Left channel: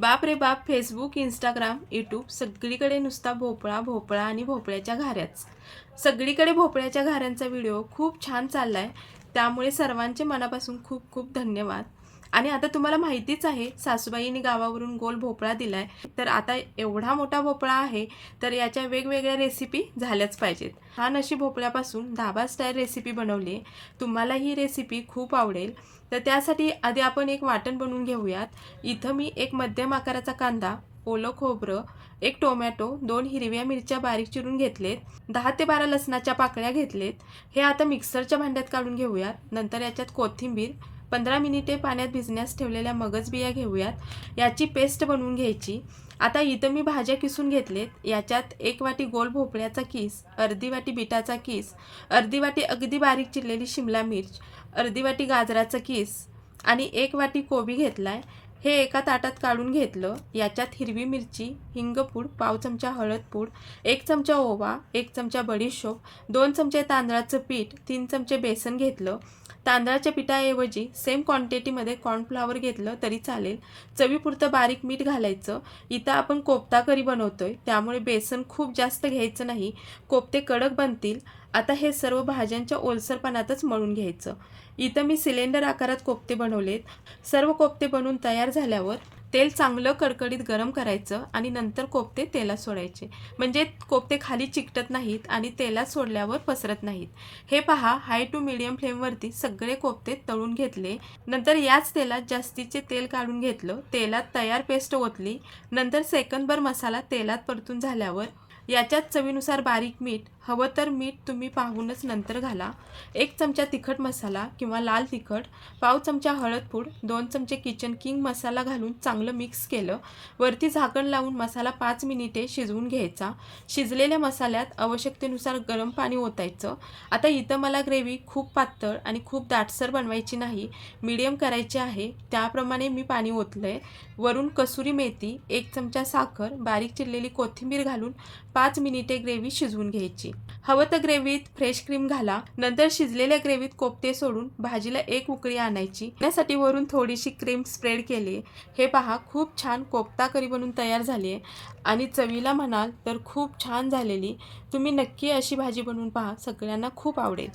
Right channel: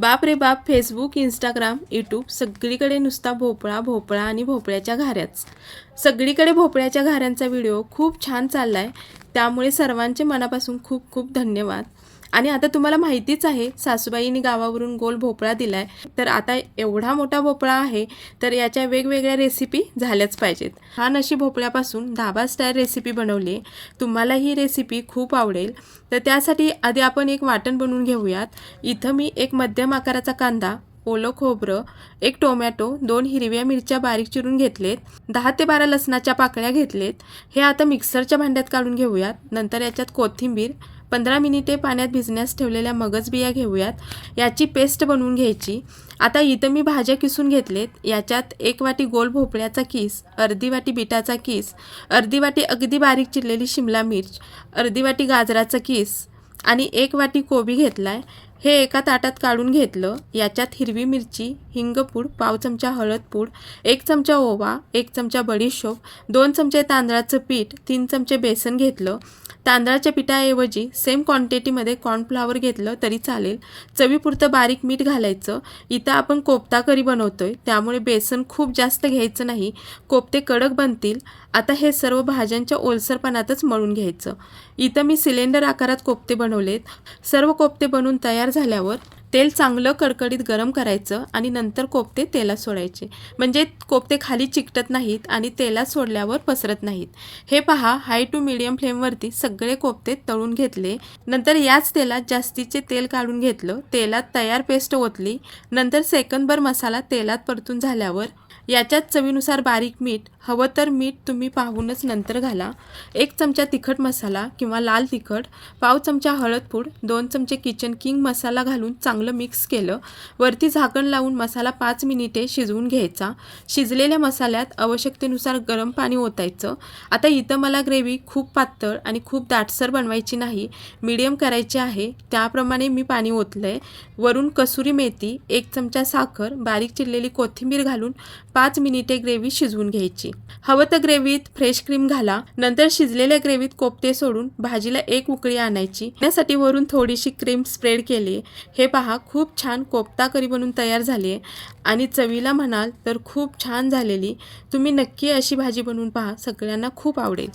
बाप रे बाप Facebook Instagram YouTube सगळीकडे नुसता भोपळा भोपळा आणि भोपळ्याच्या घाऱ्याच. सगळीकडे भोपळ्याच्या घाऱ्यांचा व्हिडिओ खूप छान चालला आहे त्यामुळे सर्वांचे मनापासून खूप खूप धन्यवाद. आणि आता तुम्हाला माहितीच आहे सासूबाईंनी गावावरून गोल भोपळा दिलाय. तर आता एवढा मोठा भोपळा आहे तर याच्या वेगवेगळ्या रेसिपी झाल्याच पाहिजेत. हा नशी भोपळ्यापासून धाबा स्टाईल रेसिपी बनवली तुम्हाला ही रेसिपी खूप आवडेल. तर त्यासाठी आधी आपण एक वाटण बनवून घेऊयात. इथं मी एक मध्यम आकाराचा कांदा ओलं खोबरं एक टोमॅटो दोन हिरव्या मिरच्या बारीक चिरून घेतलेत. दहा ते बारा लसणाच्या पाकळ्या घेतलेत. हे आता मिक्सरच्या भांड्यात काढून घेऊयात. नंतर याच्यात कोथिंबीर पंधरा मिनिटे पाण्यात भिजण्यास ठेवलेल्या मगज बिया घेऊयात. याची पेस्ट बनवून घ्यायची. आता इथं मी भाज्या किसून घेतलेत. याच्यात एक वाटी गोल भोपळ्याचा किस अर्धी वाटी बिटाचा किस अर्धी वाटी अगदी बारीक चिरलेली शिमला मिर्च अर्धी वाटी गाजराचा किस आणि एक वाटी कोबी घेतलाय. हे एका ताटात काढून घेतलं. याच्यात हिरवी मिरची हिंगपूड पाव चमचा हळद पूड एक चमचा ओवा एक चमचा बडीशोप दोन चमचे तांदळाचं पीठ तीन चमचे बेसन घेतलं. तांदळाच्या पिठाऐवजी सेम क्वांटिटीमध्ये कॉर्नफ्लावर घेतलं तरी चालेल. चवीपुरतं बारीक मीठ घालायचं. इथं आपण कोफ्ता करी बनवतो आहे त्यामुळे बेसन खूप जास्त घ्यायचं नाही. कोफ्ते कडक बनतील. आता हे सर्व भाज्यांच्या ओलसरपणातच मळून घ्यायचं. इथं मी सिलेंडर आकारात कोफ्ते बनवलेत. सर्व कोफ्ते बनवून तयार झाल्यावर तेल चांगलं कडकडीत गरम करायचं आणि नंतर कोफ्ते तेलात सोडायचे. म्हणजे कोफ्ते खाली चिकटत नाहीत आणि तेलात सोडल्यावर पसरत नाहीत. हे पहा हाय टू मिडियम फ्लेमवरती सगळे कोफ्ते तळून घेतले. नंतर याच तेलात जास्तीचे तेल काढून घेतलं. तेलात तयार पेस्ट ओतली. नंतर सेकंदभर मसाला तेलात परतून झाल्यावर याच्यात चवीनुसार बारीक मीठ हवं तर मीठ तुम्ही पाहूनच नंतर घाला. एक चमचा तिखट मसाला किंवा लाल तिखट पाव चमचा हळदपूड दोन चमचे किचन किंग मसाला घालून चांगलं मिक्स केलं. वरती झाकण लावून मसाला पाच मिनिटे शिजवून घ्यायचा. शिजलेल्या मसाल्यात आवश्यकतेनुसार गरम पाणी ओतायचं. आता इथं मला ग्रेव्ही खूप पातळ आणि खूप दाटसर बनवायची नाही मीडियम करायची आहे. त्याप्रमाणे मी पाणी ओतलं आहे वरून कसुरी मेथी एक चमचा साखर बारीक चिरलेली कोथिंबीर घालून पाच मिनिटे ग्रेव्ही शिजवून घ्यायची. हवं तर ग्रेव्हीत फ्रेश क्रीम घाला. नंतर शिजलेल्या ग्रेव्हीत कोफ्ते सोडून भाजीला एक उकळी आणायची. त्यासाठी वरून थोडीशी क्रीम स्प्रेड केली हे पहा खूप छान कोफ्ता करी बनून तयार झाली आहे. आणि चवीला म्हणाल तर खूप छान झालेली. तुम्ही नक्की अशी भाजी बनवून पहा. सगळ्यांना खूप आवडेल.